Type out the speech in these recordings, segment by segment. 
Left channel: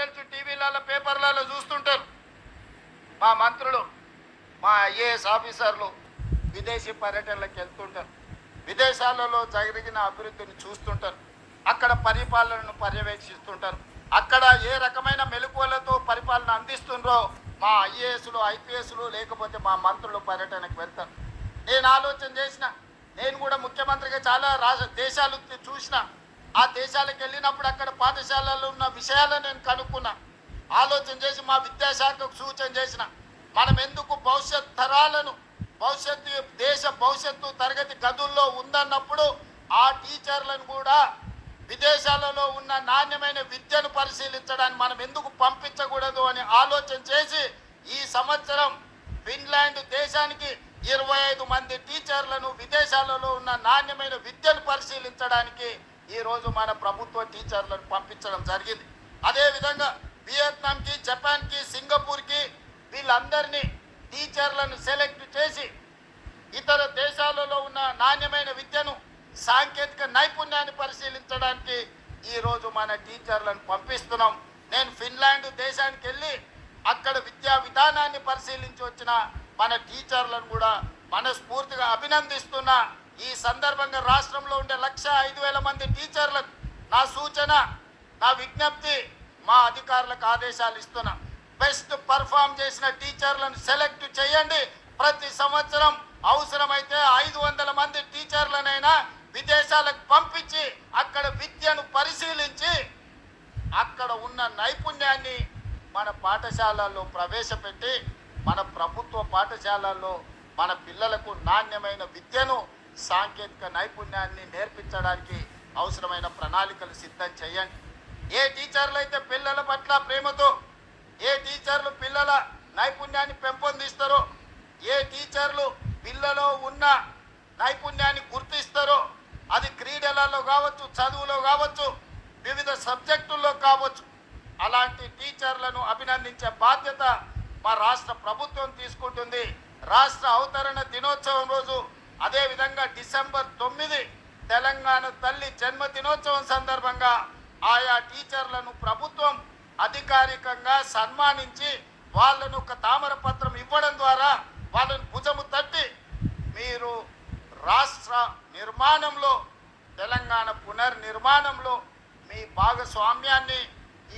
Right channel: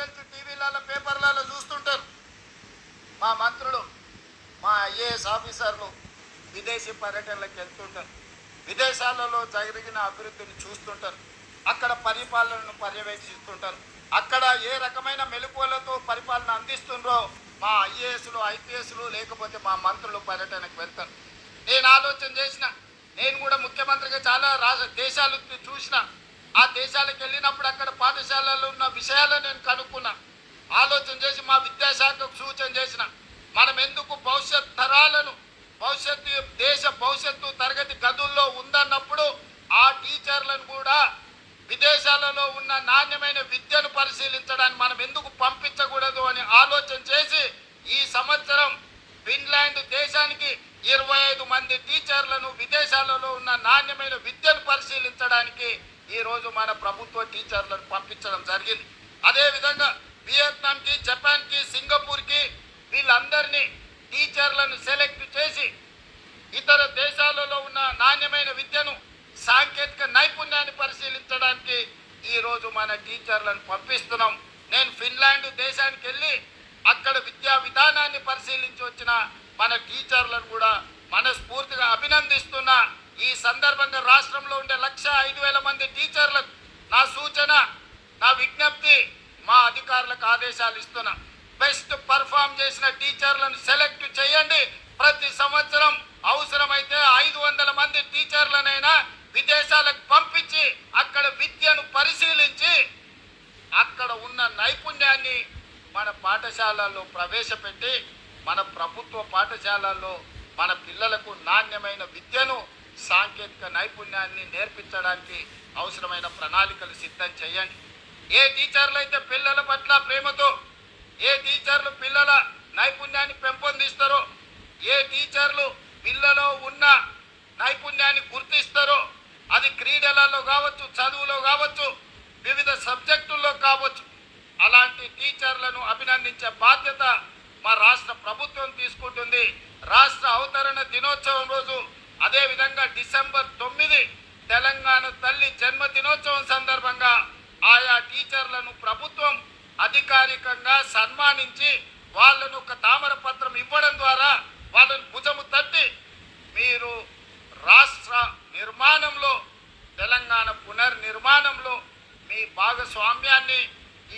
తెలుసు, టీవీలలో పేపర్లలో చూస్తుంటారు. మా మంత్రులు, మా ఐఏఎస్ ఆఫీసర్లు విదేశీ పర్యటనలకు వెళ్తుంటారు. విదేశాలలో జరిగిన అభివృద్ధిని చూస్తుంటారు. అక్కడ పరిపాలనను పర్యవేక్షిస్తుంటారు. అక్కడ ఏ రకమైన మెలకువలతో పరిపాలన అందిస్తుండ్రో మా ఐఏఎస్లు, ఐపీఎస్లు లేకపోతే మా మంత్రులు పర్యటనకు వెళ్తారు. నేను ఆలోచన చేసిన, నేను కూడా ముఖ్యమంత్రిగా చాలా దేశాలు చూసిన. ఆ దేశాలకు వెళ్ళినప్పుడు అక్కడ పాఠశాలలో ఉన్న విషయాలను నేను కనుక్కున్నా. ఆలోచన చేసి మా విద్యాశాఖకు సూచన చేసిన, మనం ఎందుకు భవిష్యత్ తరాలను, దేశ భవిష్యత్తు తరగతి గదుల్లో ఉందన్నప్పుడు ఆ టీచర్లను కూడా విదేశాలలో ఉన్న నాణ్యమైన విద్యను పరిశీలించడానికి మనం ఎందుకు పంపించకూడదు అని ఆలోచన చేసి ఈ సంవత్సరం ఫిన్లాండ్ దేశానికి 25 మంది టీచర్లను విదేశాలలో ఉన్న నాణ్యమైన విద్యను పరిశీలించడానికి ఈరోజు మన ప్రభుత్వ టీచర్లను పంపించడం జరిగింది. అదేవిధంగా వియత్నాంకి, జపాన్కి, సింగపూర్కి వీళ్ళందరినీ టీచర్లను సెలెక్ట్ చేసి ఇతర దేశాలలో ఉన్న నాణ్యమైన విద్యను, సాంకేతిక నైపుణ్యాన్ని పరిశీలించడానికి ఈరోజు మన టీచర్లను పంపిస్తున్నాం. నేను ఫిన్లాండ్ దేశానికి వెళ్ళి అక్కడ విద్యా విధానాన్ని పరిశీలించి వచ్చిన మన టీచర్లను కూడా మనస్ఫూర్తిగా అభినందిస్తున్నా. ఈ సందర్భంగా రాష్ట్రంలో ఉండే 1,05,000 మంది టీచర్లకు నా సూచన, నా విజ్ఞప్తి, మా అధికారులకు ఆదేశాలు ఇస్తున్నా. బెస్ట్ పర్ఫామ్ చేసిన టీచర్లను సెలెక్ట్ చేయండి. ప్రతి సంవత్సరం అవసరమైతే 500 మంది టీచర్లనైనా విదేశాలకు పంపించి అక్కడ విద్యను పరిశీలించి అక్కడ ఉన్న నైపుణ్యాన్ని మన పాఠశాలల్లో ప్రవేశపెట్టి మన ప్రభుత్వ పాఠశాలల్లో మన పిల్లలకు నాణ్యమైన విద్యను, సాంకేతిక నైపుణ్యాన్ని నేర్పించడానికి అవసరమైన ప్రణాళికలు సిద్ధం చేయండి. ఏ టీచర్లు అయితే పిల్లల పట్ల ప్రేమతో, ఏ టీచర్లు పిల్లల నైపుణ్యాన్ని పెంపొందిస్తారో, ఏ టీచర్లు పిల్లలో ఉన్న నైపుణ్యాన్ని గుర్తిస్తారో, అది క్రీడలలో కావచ్చు, చదువులో కావచ్చు, వివిధ సబ్జెక్టుల్లో కావచ్చు, అలాంటి టీచర్లను అభినందించే బాధ్యత మా రాష్ట్ర ప్రభుత్వం తీసుకుంటుంది. రాష్ట్ర అవతరణ దినోత్సవం రోజు, అదేవిధంగా డిసెంబర్ 9 తెలంగాణ తల్లి జన్మదినోత్సవం సందర్భంగా ఆయా టీచర్లను ప్రభుత్వం అధికారికంగా సన్మానించి వాళ్ళను ఒక తామర పత్రం ఇవ్వడం ద్వారా వాళ్ళను భుజము తట్టి మీరు రాష్ట్ర నిర్మాణంలో, తెలంగాణ పునర్నిర్మాణంలో మీ భాగస్వామ్యాన్ని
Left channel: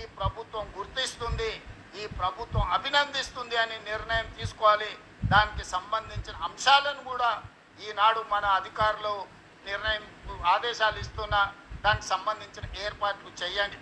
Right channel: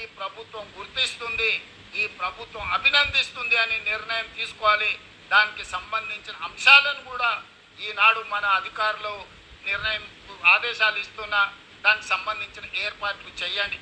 ఈ ప్రభుత్వం గుర్తిస్తుంది, ఈ ప్రభుత్వం అభినందిస్తుంది అని నిర్ణయం తీసుకోవాలి. దానికి సంబంధించిన అంశాలను కూడా ఈనాడు మన అధికారులు ఆదేశాలు ఇస్తున్నా, దానికి సంబంధించిన ఏర్పాట్లు చేయండి.